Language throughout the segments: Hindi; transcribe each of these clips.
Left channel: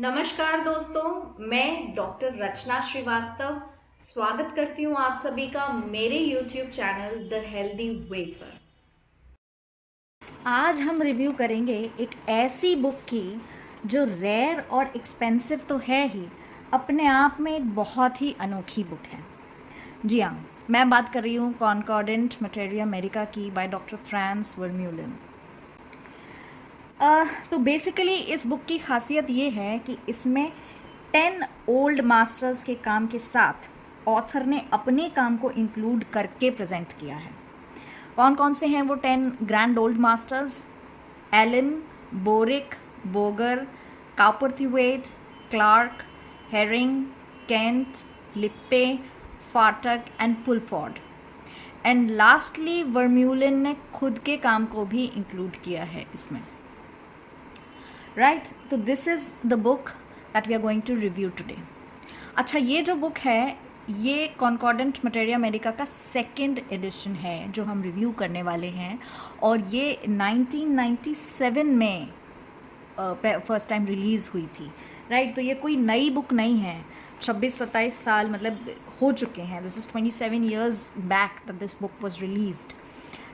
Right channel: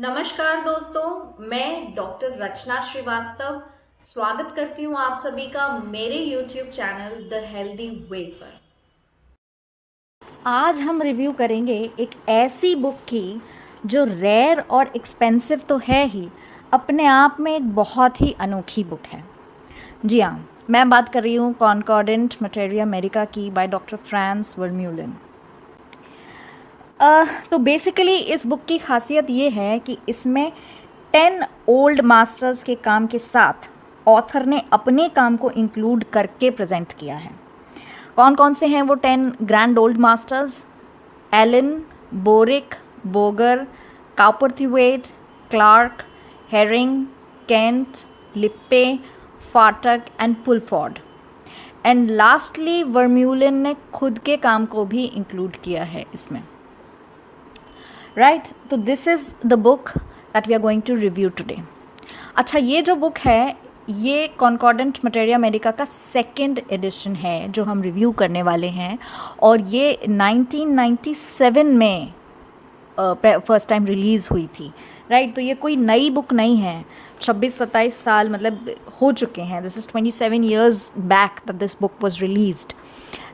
नमस्कार दोस्तों, मैं डॉक्टर रचना श्रीवास्तव स्वागत करती हूँ आप सभी का मेरे YouTube channel the healthy way पर। आज हम रिव्यू करेंगे एक ऐसी बुक की जो रेयर और एक्सपेंसिव तो है ही, अपने आप में एक बहुत ही अनोखी बुक है। जी हाँ, मैं बात कर रही हूँ कॉनकॉर्डेंट मटेरिया अमेरिका की बाय डॉक्टर फ्रांस वर्म्यूलन। तो बेसिकली इस बुक की खासियत ये है कि इसमें 10 ओल्ड मास्टर्स के काम के साथ ऑथर ने अपने काम को इंक्लूड करके प्रेजेंट किया है। कौन कौन से हैं वो 10 grand old masters? Allen, Boericke, Boger, Cowperthwaite, Clarke, Hering, Kent, Lippe, Phatak and Pulford. And lastly Vermeulen ने खुद के काम को भी इंक्लूड किया है इसमें। राइट, तो this is the book that we are going to review today. अच्छा, ये जो बुक है ये कॉनकॉर्डेंट मटेरिया अमेरिका का सेकंड एडिशन है जो हम रिव्यू करने वाले हैं, और ये 1997 में फर्स्ट टाइम रिलीज़ हुई थी। राइट, तो ये कोई नई बुक नहीं है। 26-27 साल मतलब हो चुके हैं। This is 27 years back that this book was released.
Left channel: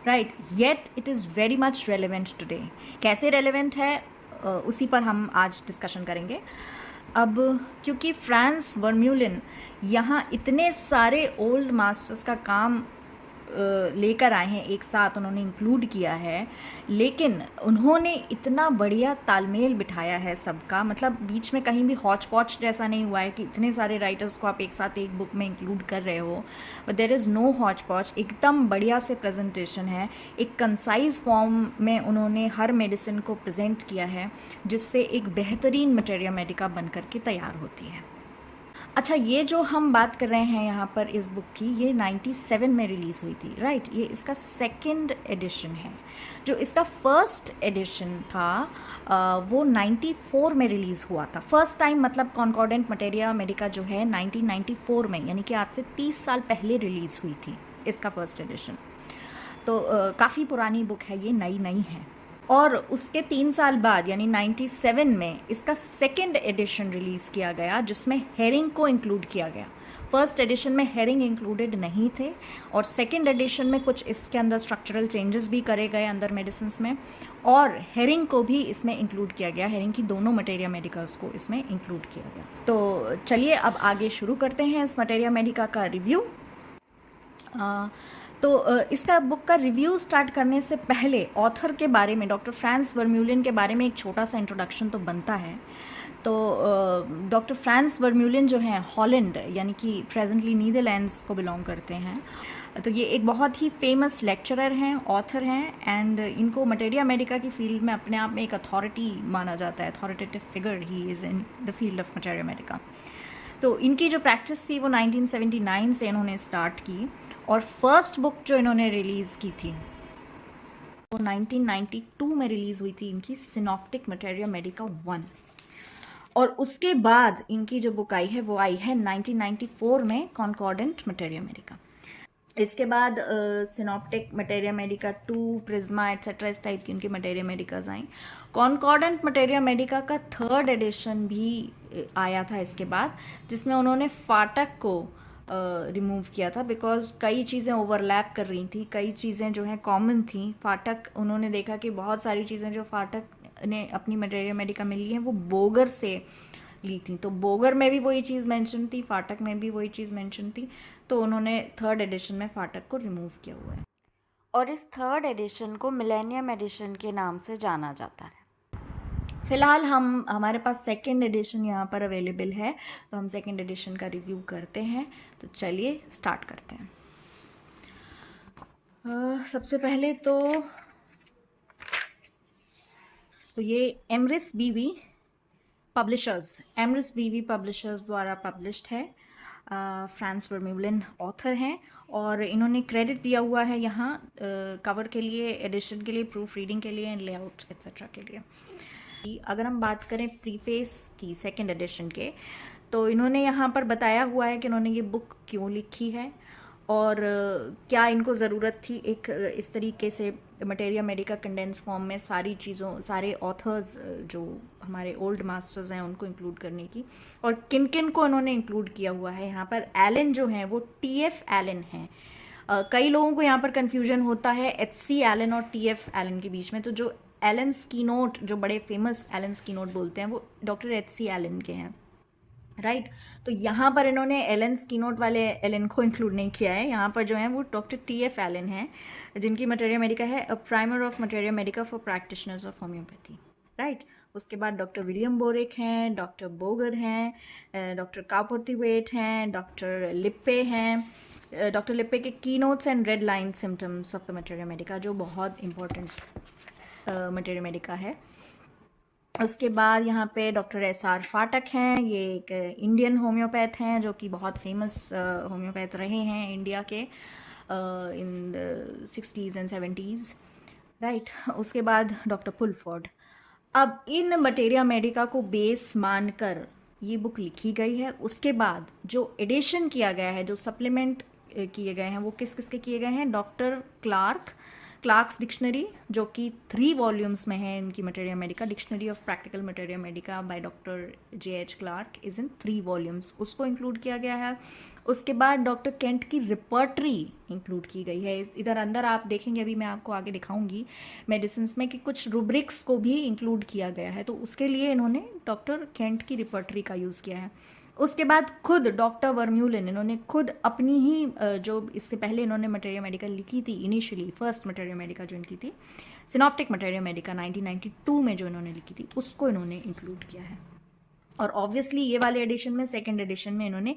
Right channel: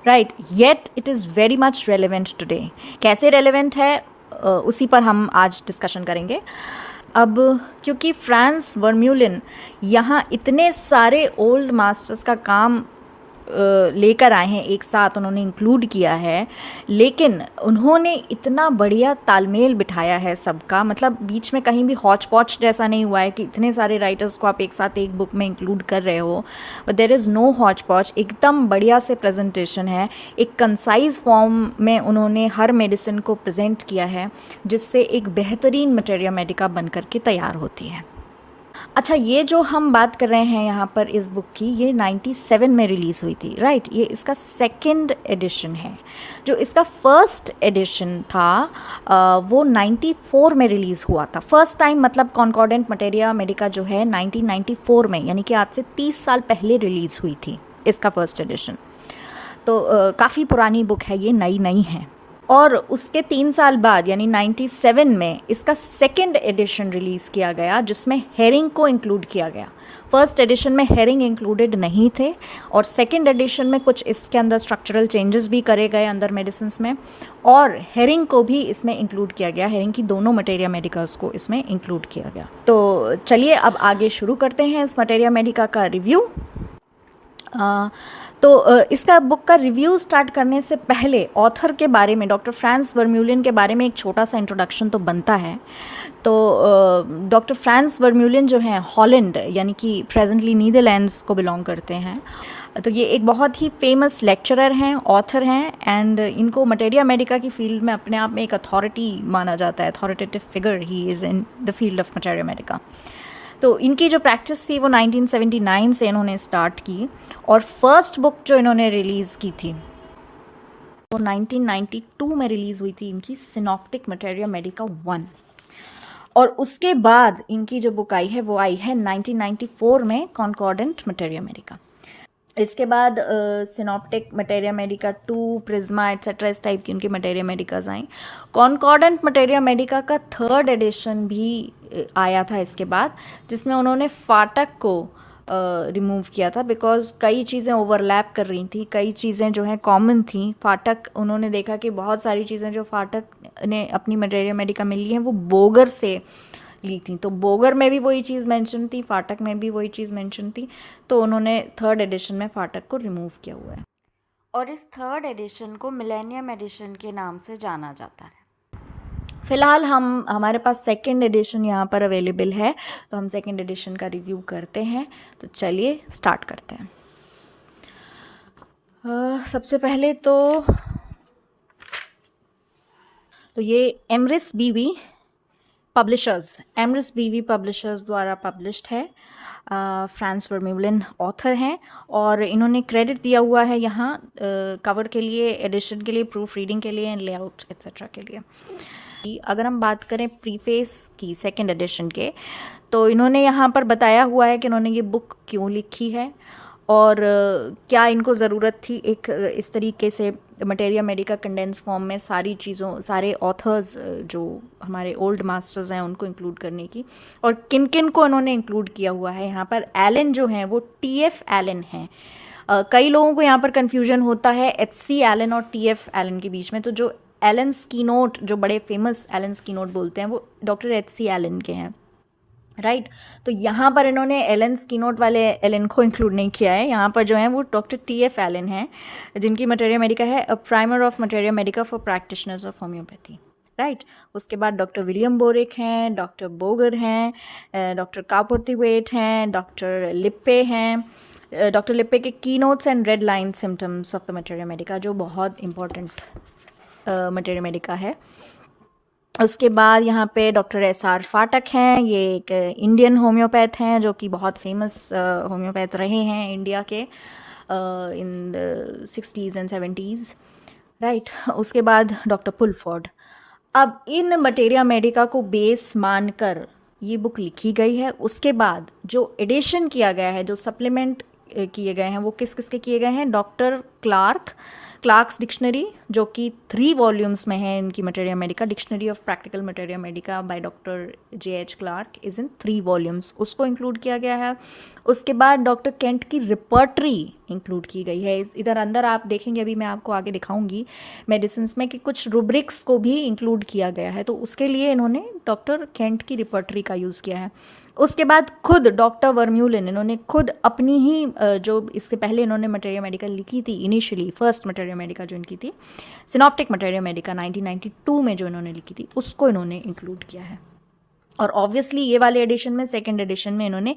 Right, yet it is very much relevant today. कैसे रेलिवेंट है उसी पर हम आज डिस्कशन करेंगे। अब क्योंकि फ्रांस वर्म्यूलन यहाँ इतने सारे ओल्ड मास्टर्स का काम लेकर आए हैं, एक साथ उन्होंने इंक्लूड किया है, लेकिन उन्होंने इतना बढ़िया तालमेल बिठाया है सबका। मतलब बीच में कहीं भी हॉच पॉच जैसा नहीं हुआ है कि इतने सारे राइटर्स को आप एक साथ एक बुक में इंक्लूड कर रहे हो, but there is no hotchpotch. एकदम बढ़िया से प्रेजेंटेशन है, एक कंसाइज फॉर्म में उन्होंने हर मेडिसिन को प्रेजेंट किया है, जिससे एक बेहतरीन मटेरिया मेडिका बन करके तैयार होती है। अच्छा, ये जो हम बात कर रहे हैं यहाँ पर इस बुक की, ये 97 में रिलीज़ हुई थी। राइट, ये इसका सेकंड एडिशन है। जो इसका फर्स्ट एडिशन था वो 94 में रिलीज़ हुआ था फर्स्ट टाइम। मतलब कॉनकॉर्डेंट मटेरिया अमेरिका जो है 1994 में, यानी कि आज से 30 साल पहले रिलीज़ हुई थी इसका फर्स्ट एडिशन। तो काफ़ी पुरानी बुक है, ये नई नहीं है। और उसके 3 साल बाद यानी 97 में इसका सेकेंड एडिशन रिलीज़ किया गया, जिसमें हेरिंग को इंक्लूड किया गया। फर्स्ट एडिशन में हेरिंग इंक्लूडेड नहीं थे, और सेकेंड एडिशन में कुछ इसके अंदर स्ट्रक्चरल चेंजेस भी करे गए अंदर मेडिसिन्स में, और हेरिंग को भी इसमें इंक्लूड किया गया। हेरिंग की दोनों मटेरिया मेडिकास को इसमें इंक्लूड किया गया। तो चलिए अब आगे शुरू करते हैं इस मटेरिया मेडिका का रिव्यू। तो इसका बुक का रिव्यू स्टार्ट करने से पहले ऑथर के बारे में, डॉक्टर फ्रांस वर्म्यूलन के बारे में एक छोटा सा इंट्रोडक्शन तो बनता है। तो डॉक्टर फ्रांस वर्म्यूलन जो हैं हॉलैंड यानी कि प्रेजेंटली नीदरलैंड्स को बिलोंग करते हैं। तो ये एक बहुत ही फेमस लेक्चरर हैं, ऑथर हैं, एंड इनको मटेरिया मेडिका की फील्ड में अपने आप में एक अथॉरिटी माना जाता है। Authoritative figure he is in the field of materia Medica. तो इनकी जो प्रैक्टिस थी वो 1979 से इन्होंने स्टार्ट की, और फर्स्ट बुक जो इन्होंने रिलीज़ की थी वो 1992 में रिलीज़ हुई थी इनकी, सिनॉप्टिक मटेरिया मेडिका 1। और उसके बाद इनकी जो बुक आई है वो आई है 1994 में, कॉनकॉर्डेंट मटेरिया मेडिका। इसके बाद synoptic materia medica 2, prisma etcetera इस टाइप की उनकी मटेरिया मेडिकाज आई। कॉनकॉर्डेंट मटेरिया मेडिका का थर्ड एडिशन भी आया था इसके बाद, जिसमें उन्होंने फाटक को रिमूव किया था, बिकॉज कई चीज़ें ओवरलैप कर रही थी, कई चीज़ें जो हैं कॉमन थी। फाटक, उन्होंने देखा कि बहुत सारी चीज़ें जो फाटक ने अपनी मटेरिया मेडिका में ली हैं वो बोगर से ली थी। तो बोगर में भी वही चीज़ मेंशन थी, फाटक में भी वही चीज़ मेंशन थी, तो उन्होंने थर्ड एडिशन में फाटक को रिमूव किया हुआ है। और इस थर्ड एडिशन को मिलेनियम एडिशन के नाम से जाना जाता है। फ़िलहाल हमारे पास सेकेंड एडिशन यहाँ पर अवेलेबल है, तो हम सेकेंड एडिशन का रिव्यू करते हैं। तो चलिए स्टार्ट करते हैं। सबसे पहले तो ये एमरिस बीवी पब्लिशर्स द्वारा पब्लिश्ड है। फ्रांस वर्म्यूलन ऑथर हैं, और इन्होंने क्रेडिट दिया हुआ है यहाँ कवर के लिए, एडिशन के लिए, प्रूफ रीडिंग के लिए, एंड लेआउट एट्सेट्रा के लिए। अगर हम बात करें प्रीफेस की सेकंड एडिशन के, तो इन्होंने यहाँ पर बताया हुआ है कि इन्होंने ये बुक क्यों लिखी है, और क्या इनको ज़रूरत थी एक इस तरीके से मटेरिया मेडिका कंडेंस फॉर्म में सारी चीज़ों, सारे ऑथर्स जो हमारे ओल्ड मास्टर्स हैं उनको इंक्लूड करने की। और किन किन को उन्होंने इंक्लूड किया हुआ है यहाँ पर, एलन जो हैं वो टीएफ एलन हैं। कई लोगों को यहाँ पर कन्फ्यूजन होता है एचसी एलन और टीएफ एलन के बीच में। तो जो एलन स्कीनोट, जो बड़े फेमस एलन स्कीनोट बोलते हैं, वो डॉक्टर एचसी एलन के हैं, राइट। तो यहाँ पर इन्होंने एलन स्कीनोट वाले एलन को इंक्लूड नहीं किया है। यहाँ पर जो है वो डॉक्टर टीएफ एलन हैं, जिनकी मटेरिया मेडिका है a primer of materia Medica for practitioners of homeopathy, right. उसके बाद डॉक्टर विलियम बोरिक हैं, डॉक्टर बोगर हैं, डॉक्टर कापोर्थिवेट हैं, डॉक्टर लिप्पे हैं। डॉक्टर लिप्पे के की notes and red line symptoms of the materia Medica, जो बहुत इंपॉर्टेंट मटेरिया मेडिका है। उसके बाद यहाँ पे डॉक्टर एसआर फाटक हैं, ये एक इंडियन होम्योपैथ हैं जो कि बहुत फेमस होम्योपैथ रहे हैं इंडिया के इन 60s एंड 70s, राइट। उसके बाद डॉक्टर पुलफोर्ड। अब इन मटेरिया मेडिका को बेस मानकर ये बुक लिखी गई है। उसके बाद जो एडिशन किया गया है, जो सप्लीमेंट किए गए हैं, वो किस किस के किए गए हैं, डॉक्टर क्लार्क्स डिक्शनरी, जो कि 3 वॉल्यूम्स में है इनकी materia medica. Dictionary of practical materia medica by doctor JH Clarke is in 3 volumes, उसको इंक्लूड किया गया है। उसके बाद डॉक्टर केंट की रिपर्टरी इंक्लूड की गई है। इधर अंदर आप देखेंगे, अभी मैं आपको आगे दिखाऊंगी मेडिसिन्स में, कि कुछ रूब्रिक्स को भी इंक्लूड किया गया है, तो उसके लिए इन्होंने डॉक्टर केंट की रिपर्टरी का यूज़ किया है। उसके बाद खुद डॉक्टर वर्म्यूलिन, इन्होंने खुद अपनी ही जो इससे पहले इन्होंने मटेरिया मेडिका लिखी थी, इनिशियली फर्स्ट मटेरिया मेडिका जो इनकी थी, सिनॉप्टिक मटेरिया मेडिका 1992 में जो इन्होंने लिखी थी, उसको इन्होंने इंक्लूड किया है। और ऑब्वियसली ये वाले एडिशन में, सेकेंड एडिशन में, इन्होंने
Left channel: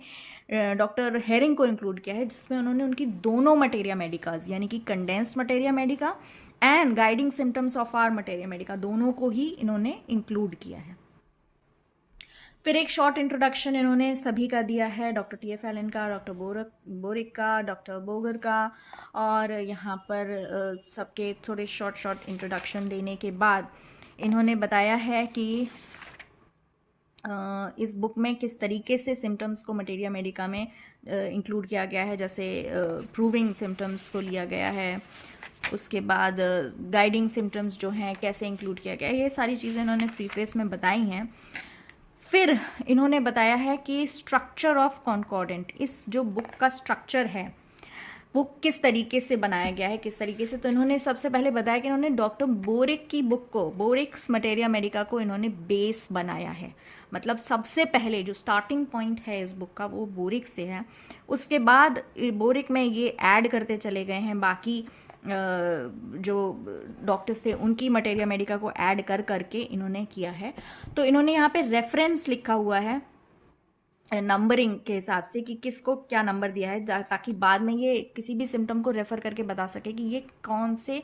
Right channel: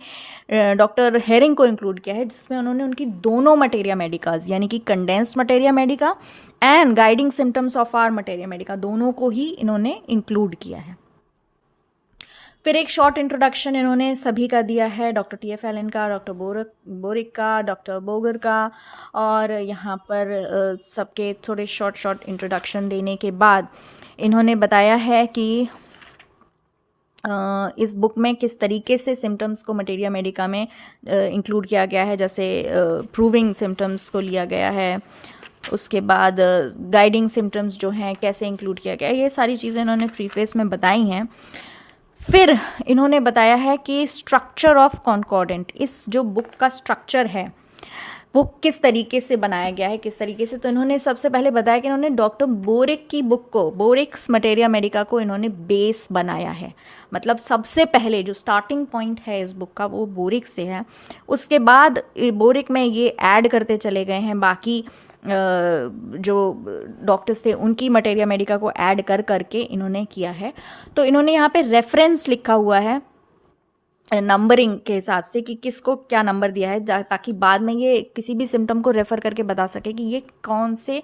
डॉक्टर हेरिंग को इंक्लूड किया है, जिसमें उन्होंने उनकी दोनों मटेरिया मेडिकाज, यानी कि condensed materia medica and guiding symptoms of our materia medica, दोनों को ही इन्होंने इंक्लूड किया है। फिर एक शॉर्ट इंट्रोडक्शन इन्होंने सभी का दिया है, डॉक्टर TF एलन का, डॉक्टर बोरिक का, डॉक्टर बोगर का, और यहाँ पर सबके थोड़े शॉर्ट इंट्रोडक्शन देने के बाद इन्होंने बताया है कि इस बुक में किस तरीके से सिम्टम्स को मटेरिया मेडिका में इंक्लूड किया गया है। जैसे प्रूविंग सिम्टम्स को लिया गया है, उसके बाद गाइडिंग सिम्टम्स जो हैं कैसे इंक्लूड किया गया है, ये सारी चीज़ें इन्होंने प्रीफेस में बताई हैं। फिर इन्होंने बताया है कि स्ट्रक्चर ऑफ कॉन्कॉर्डेंट, इस जो बुक का स्ट्रक्चर है वो किस तरीके से बनाया गया है, किस तरीके से। तो इन्होंने सबसे पहले बताया कि इन्होंने डॉक्टर बोरिक की बुक को, बोरिक्स मटेरिया मेडिका को इन्होंने बेस बनाया है। मतलब सबसे पहले जो स्टार्टिंग पॉइंट है इस बुक का वो बोरिक से है। उसके बाद बोरिक में ये ऐड करते चले गए हैं बाकी जो डॉक्टर्स थे उनकी मटेरिया मेडिका को ऐड करके इन्होंने किया है। तो इन्होंने यहाँ पे रेफरेंस लिखा हुआ है नंबरिंग के हिसाब से कि किसको क्या नंबर दिया है, ताकि बाद में ये किसी भी सिम्टम को रेफ़र करके बता सके कि ये कौन से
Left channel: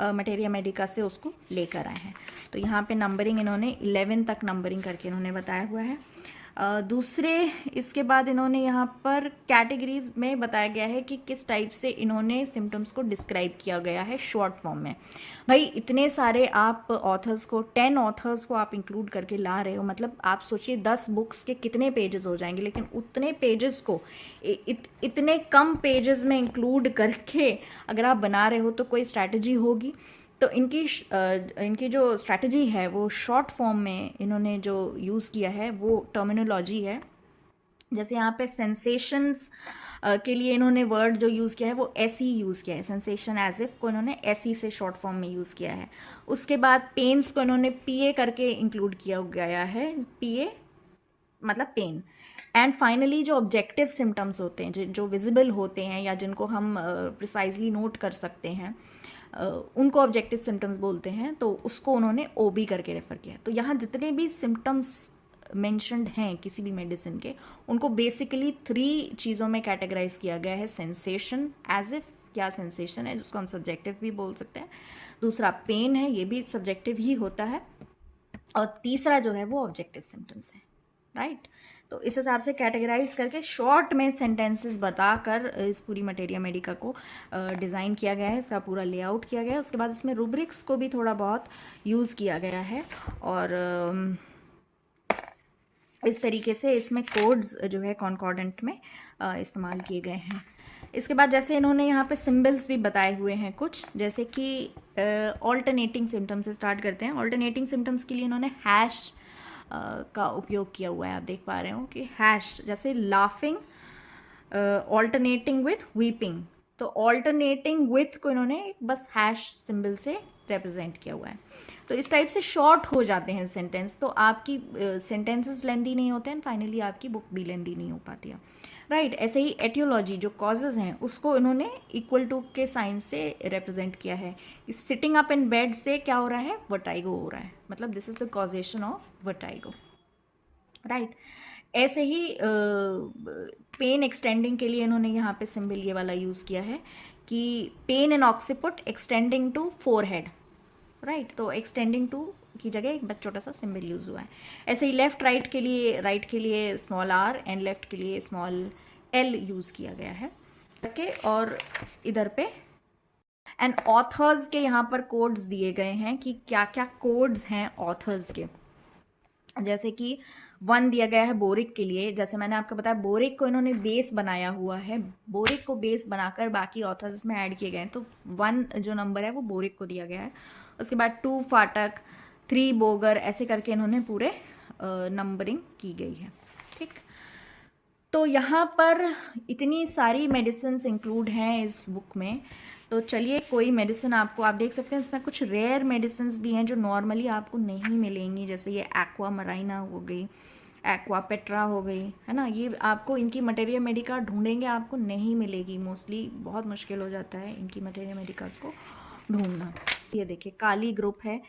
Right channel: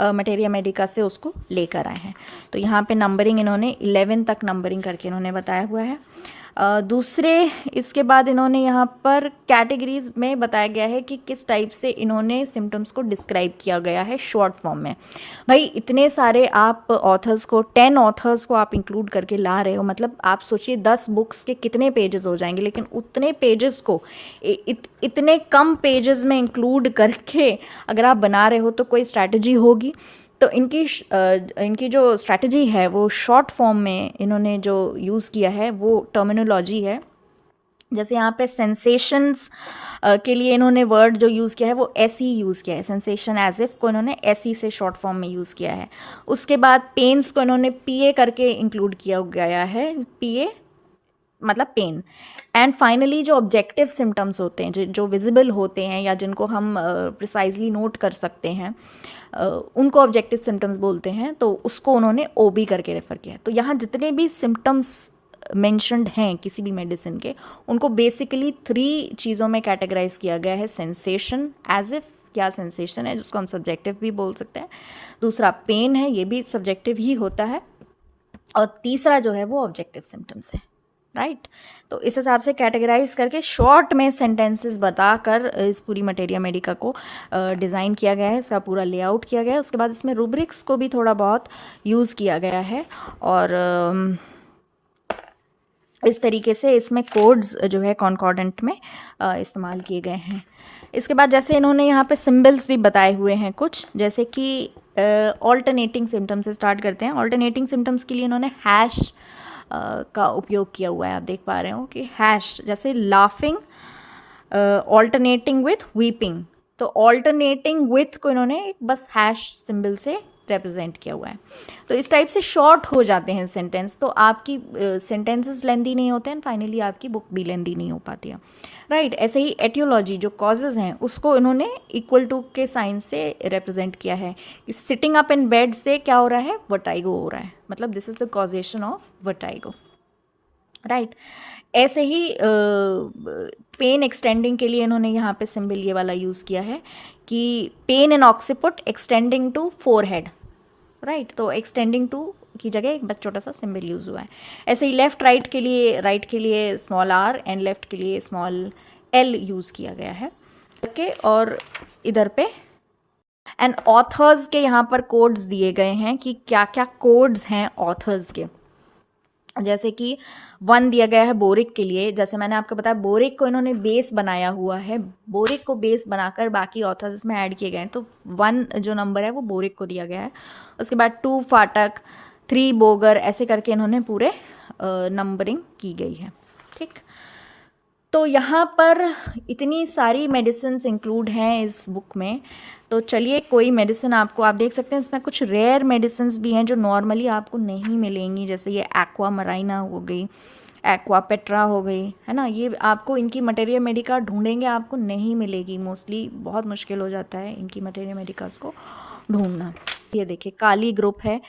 मटेरिया मेडिका से उसको लेकर आए हैं। तो यहाँ पे नंबरिंग इन्होंने 11 तक नंबरिंग करके इन्होंने बताया हुआ है। दूसरे इसके बाद इन्होंने यहाँ पर कैटेगरीज में बताया गया है कि किस टाइप से इन्होंने सिम्टम्स को डिस्क्राइब किया गया है शॉर्ट फॉर्म में। भाई इतने सारे आप ऑथर्स को, 10 ऑथर्स को आप इंक्लूड करके ला रहे हो, मतलब आप सोचिए 10 बुक्स के कितने पेजेस हो जाएंगे, लेकिन उतने पेजेस को इतने कम पेजेस में इंक्लूड करके अगर आप बना रहे हो तो कोई स्ट्रैटेजी होगी। तो इनकी जो स्ट्रैटेजी है वो शॉर्ट फॉर्म में इन्होंने जो यूज़ किया है वो टर्मिनोलॉजी है। जैसे यहाँ पे सेंसेशंस के लिए इन्होंने वर्ड जो यूज़ किया है वो ऐसी यूज़ किया है, सेंसेशन एज इफ को इन्होंने ऐसी से शॉर्ट फॉर्म में यूज़ किया है। उसके बाद पेन्स को इन्होंने PA करके इंक्लूड किया गया है, PA मतलब पेन। एंड फाइनली जो ऑब्जेक्टिव सिम्टम्स होते हैं, जो विजिबल होते हैं या जिनको हम प्रिसाइजली नोट कर सकते हैं, उनको ऑब्जेक्टिव सिम्टम्स बोलते हैं, तो उसको उन्होंने OB करके रेफ़र किया है। तो यहाँ जितने भी सिम्टम्स मेंशन्ड हैं किसी भी मेडिसिन के, उनको बेसिकली 3 चीज़ों में कैटेगराइज किया गया है। सेंसेशन एज इफ, क्या सेंसेशन है जिसको हम सब्जेक्टिव भी बोल सकते हैं। दूसरा पेन है, ये भी सब्जेक्टिव ही होता है। और तीसरा जो है वो ऑब्जेक्टिव सिम्टम्स है, राइट। तो इस हिसाब से कैटेगराइज करके शॉर्ट में सेंटेंसेस बताकर इस पूरी मटेरिया मेडिका को डिज़ाइन किया गया है, इसका पूरा लेआउट किया गया है। उसके बाद इसमें रूब्रिक्स को भी थोड़ा बहुत यूज़ किया गया है, और इस तरीके से इसमें कोड्स जो है कॉन्कॉर्डेंट में इस्तेमाल किए गए हैं। इसके बाद जैसे इन्होंने यहाँ पे सिम्बल्स भी बताए हुए हैं कुछ, जैसे कि ऑल्टरनेटिंग सिम्टम्स से स्टार्ट करते हैं। ऑल्टरनेटिंग सिम्टम्स के लिए इन्होंने हैश का उपयोग किया हुआ है। आप देख पा रहे हो कि हैश, जैसे लाफिंग ऑल्टरनेटिंग विथ वीपिंग, तो ऑल्टरनेटिंग विथ को इन्होंने बस हैश सिंबल से रिप्रेजेंट किया हुआ है। तो इस टाइप से शॉर्ट हो जाते हैं सेंटेंस, तो आपकी सेंटेंसेस लेंदी नहीं होते हैं, फाइनली आपकी बुक भी लेंदी नहीं हो पाती है, राइट। ऐसे ही एटियोलॉजी, जो कॉजेज़ हैं उसको इन्होंने इक्वल टू के साइन से रिप्रेजेंट किया है। सिटिंग अप इन बेड से क्या हो रहा है, वर्टाइगो हो रहा है, मतलब this is the causation of vertigo, right. ऐसे ही पेन एक्सटेंडिंग के लिए इन्होंने यहाँ पे सिंबल ये वाला यूज़ किया है कि pain in occiput extending to forehead, right. तो एक्सटेंडिंग टू की जगह एक बस छोटा सा सिंबल यूज़ हुआ है। ऐसे ही लेफ्ट राइट के लिए स्मॉल आर एंड लेफ्ट के लिए स्मॉल एल यूज़ किया गया है। ओके, और इधर पे एंड ऑथर्स के यहाँ पर कोड्स दिए गए हैं कि क्या क्या कोड्स हैं ऑथर्स के। जैसे कि 1 दिया गया है बोरिक के लिए, जैसे मैंने आपको बताया बोरिक को इन्होंने बेस बनाया हुआ है, बोरिक को बेस बनाकर बाकी ऑथर्स इसमें ऐड किए गए हैं, तो 1 जो नंबर है वो बोरिक को दिया गया है। उसके बाद 2 फाटक, 3 बोगर, ऐसे करके इन्होंने पूरे नंबरिंग की गई है, ठीक। तो यहाँ पर इतनी सारी मेडिसिन इंक्लूड हैं इस बुक में। तो चलिए कोई मेडिसिन आपको, आप देख सकते हैं इसमें कुछ रेयर मेडिसिन भी हैं जो नॉर्मली आपको नहीं मिलेंगी, जैसे ये एक्वा मराइना हो गई, एक्वा पेट्रा हो गई, है ना। ये आपको इनकी मटेरिया मेडिका ढूंढेंगे आपको नहीं मिलेगी, मोस्टली बहुत मुश्किल हो जाता है इनकी मटेरिया मेडिकास को ढूंढना। ये देखिए काली ग्रुप है,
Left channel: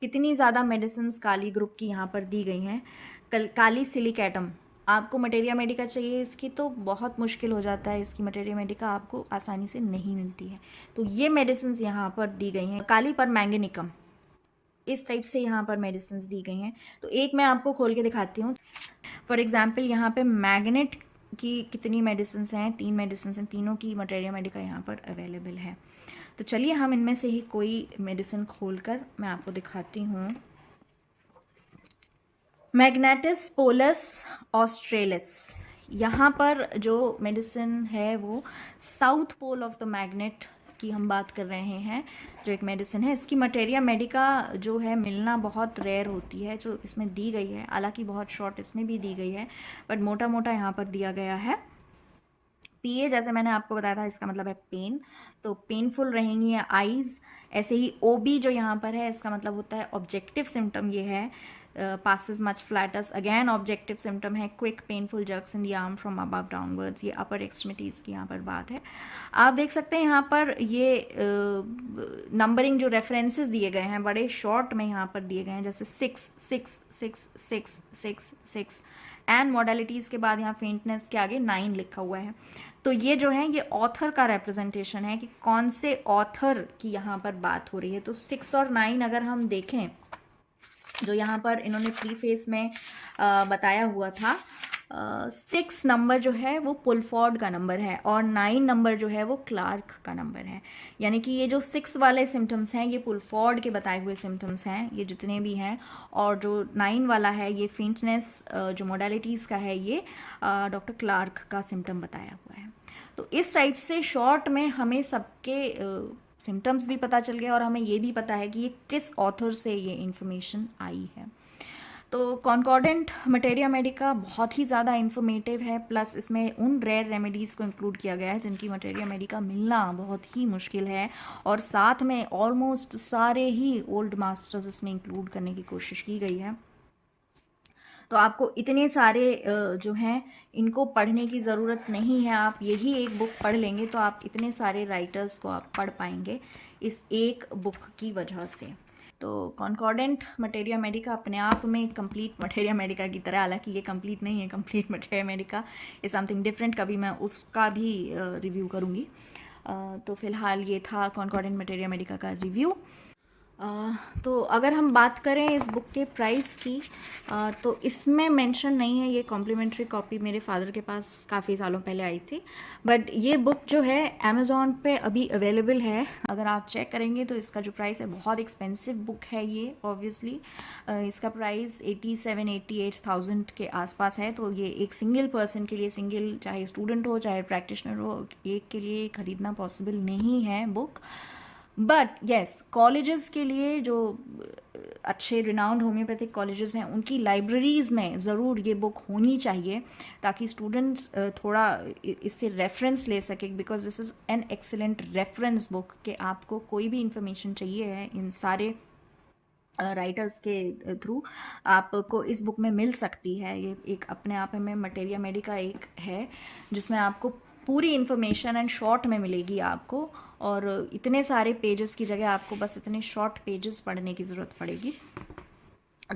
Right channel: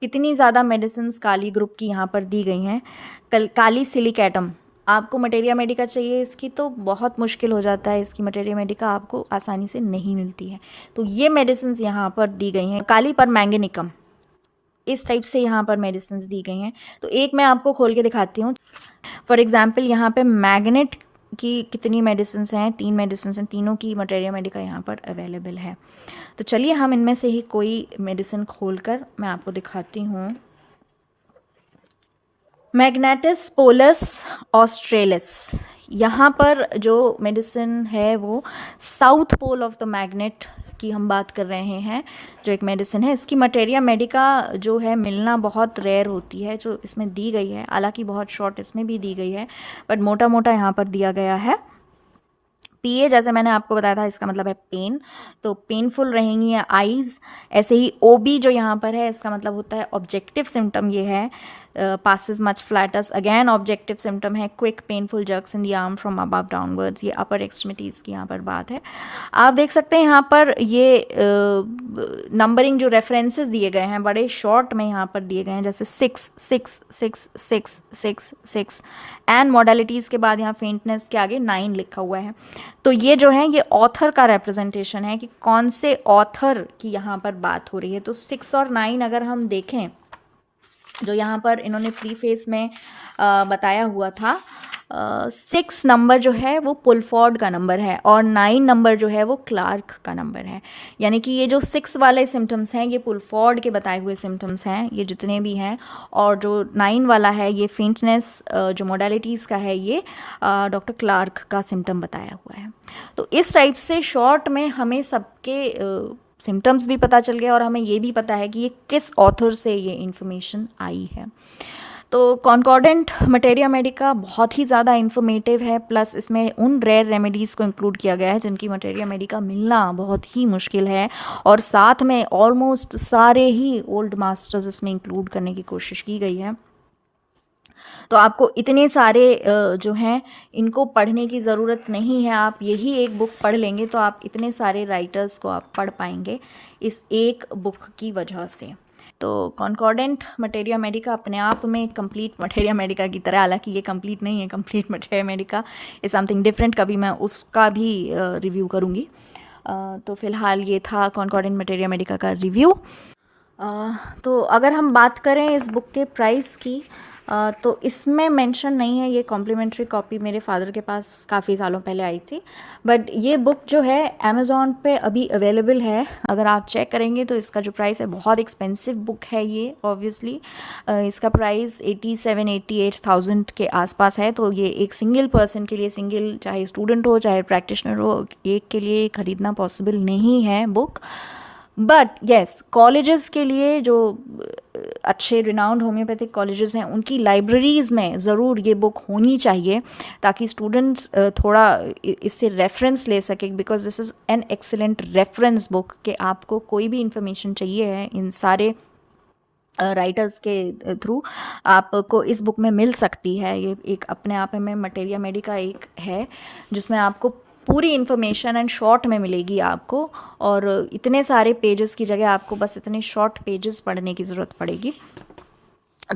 कितनी ज़्यादा मेडिसिन काली ग्रुप की यहाँ पर दी गई हैं। काली सिलिक एटम, आपको मटेरिया मेडिका चाहिए इसकी तो बहुत मुश्किल हो जाता है, इसकी मटेरिया मेडिका आपको आसानी से नहीं मिलती है, तो ये मेडिसिन यहाँ पर दी गई हैं। काली पर मैंगनीकम, इस टाइप से यहाँ पर मेडिसिन दी गई हैं। तो एक मैं आपको खोल के दिखाती हूँ। फॉर एग्जांपल यहाँ पे मैग्नेट की कितनी मेडिसिन हैं, 3 मेडिसिन हैं, तीनों की मटेरिया मेडिका यहाँ पर अवेलेबल है। तो चलिए हम इनमें से ही कोई मेडिसिन खोलकर मैं आपको दिखाती हूँ। मैग्नेटिस पोलस ऑस्ट्रेलिस, यहाँ पर जो मेडिसिन है वो south pole of the magnet की हम बात कर रहे हैं, जो एक मेडिसिन है। इसकी मटेरिया मेडिका जो है मिलना बहुत रेयर होती है, जो इसमें दी गई है, हालांकि बहुत शॉर्ट इसमें भी दी गई है, बट मोटा मोटा यहाँ पर दिया गया है। पीए जैसे मैंने आपको बताया था इसका मतलब है पेन, तो पेनफुल रहेंगी आईज। ऐसे ही ओबी जो यहाँ पर है इसका मतलब होता है ऑब्जेक्टिव सिम्टम, ये है passes much flatus, again objective symptom है quick painful jerks in the arm from above downwards, ये अपर एक्सट्रीमिटीज़ की यहाँ पर बात है। आप देख सकते हैं यहाँ पर ये नंबरिंग जो रेफरेंसेस दिए गए हैं बड़े शॉर्ट में यहाँ पर दिए गए हैं, जैसे 6 6 6 6 6 6 एंड मॉडलिटीज़ के बाद यहाँ फेंटनेस के आगे 9 लिखा हुआ है। तो ये जो है ये ऑथर का रिप्रेजेंटेशन है कि कौन से ऑथर की यहाँ पर बात हो रही है। तो 6 और 9 अगर हम देखें, जो यहाँ पर इन्होंने प्रीफेस में बताया हुआ था, 6 नंबर जो है वो पुलफोर्ड का नंबर है और 9 नंबर जो है वो क्लार्क का नंबर है। यानी कि ये जो 6 वाले सिम्टम्स हैं ये पुलफोर्ड के बताए हुए सिम्टम्स हैं, ये जितने भी हैं, और जो 9 वाला है ये फेंटनेस जो मोडालिटीज़ का है ये डॉक्टर क्लार्क का सिम्टम बताया हुआ है। तो इस टाइप से शॉर्ट में हमें सबके सिम्टम्स भी पता चल गया और हमें ये भी पता है कि ये किस ऑथर से ये इन्फॉर्मेशन आई है। तो कॉन्कॉर्डेंट मटेरिया मेडिका बहुत ही ज़्यादा इन्फॉर्मेटिव है, प्लस इसमें उन रेयर रेमेडीज़ को इंक्लूड किया गया है जिनकी मटेरिया मेडिका मिलना बहुत ही मुश्किल है, और साथ में ऑलमोस्ट सारे ही ओल्ड मास्टर्स इसमें इंक्लूड करने की कोशिश की गई है। तो आपको इतने सारे जो हैं इनको पढ़ने की ज़रूरत नहीं है, आप यही एक बुक पढ़ लेंगे तो आप इतने सारे राइटर्स को आप पढ़ पाएंगे इस एक बुक की वजह से। तो कॉन्कॉर्डेंट मटेरिया मेडिका अपने आप में कंप्लीट मटेरिया मेडिका की तरह, हालांकि ये कंप्लीट नहीं है, complete materia Medica is something different, कभी मैं उसका भी रिव्यू करूँगी। तो फ़िलहाल ये था कॉन्कॉर्डेंट मटेरिया मेडिका का रिव्यू। तो अगर हम बात करें इस बुक के प्राइस की, तो इसमें मेंशन नहीं है। ये कॉम्प्लीमेंट्री कॉपी मेरे फादर के पास काफ़ी सालों पहले आई थी, बट ये बुक जो है अमेज़ॉन पे अभी अवेलेबल है। अगर आप चेक करेंगे तो इसका जो प्राइस है, बहुत एक्सपेंसिव बुक है ये ऑब्वियसली। इसका प्राइस 87-88,000 के आसपास है। तो ये एक सिंगल पर्सन के लिए, सिंगल चाहे स्टूडेंट हो चाहे प्रैक्टिशनर हो, एक के लिए ख़रीदना पॉसिबल नहीं है बुक। बट येस, कॉलेजेस के लिए जो अच्छे रिनाउंड होम्योपैथिक कॉलेजेस हैं, उनकी लाइब्रेरीज़ में ज़रूर ये बुक होनी चाहिए, ताकि स्टूडेंट्स थोड़ा इससे रेफरेंस ले सकें, because this is an excellent reference book कि आपको कोई भी इंफॉर्मेशन चाहिए है इन सारे राइटर्स के थ्रू आपको इस बुक में मिल सकती है। ये एक अपने आप में मटेरिया मेडिका एक है जिसमें आपको पूरी इन्फॉर्मेशन एंड शॉर्ट में मिलेगी आपको, और इतने सारे पेजेस की जगह आपको बस इतने शॉर्ट पेजेस पढ़ने की ज़रूरत पड़ेगी।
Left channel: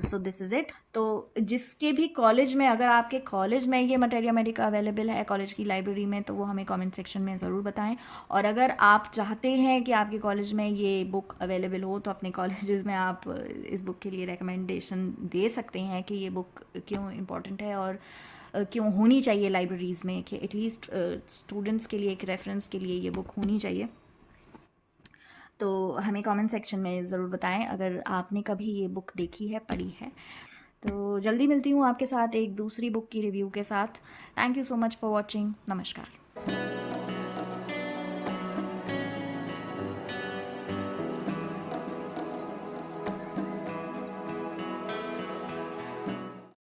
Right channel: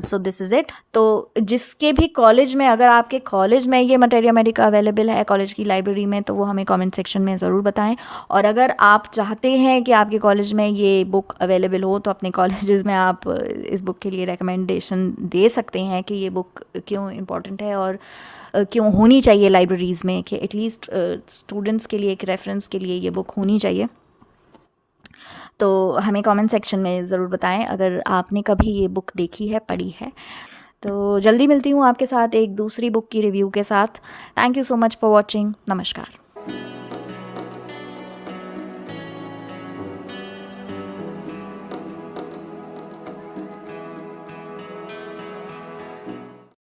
So this is it. तो जिसके भी कॉलेज में, अगर आपके कॉलेज में ये मटेरिया मेडिका अवेलेबल है कॉलेज की लाइब्रेरी में, तो वो हमें कमेंट सेक्शन में ज़रूर बताएं। और अगर आप चाहते हैं कि आपके कॉलेज में ये बुक अवेलेबल हो, तो अपने कॉलेजेस में आप इस बुक के लिए रिकमेंडेशन दे सकते हैं कि ये बुक क्यों इम्पॉर्टेंट है और क्यों होनी चाहिए लाइब्रेरीज़ में, कि एटलीस्ट स्टूडेंट्स के लिए, एक रेफरेंस के लिए ये बुक होनी चाहिए। तो हमें कमेंट सेक्शन में ज़रूर बताएं अगर आपने कभी ये बुक देखी है, पढ़ी है। तो जल्दी मिलती हूँ आपके साथ एक दूसरी बुक की रिव्यू के साथ। Thank you so much for watching. नमस्कार।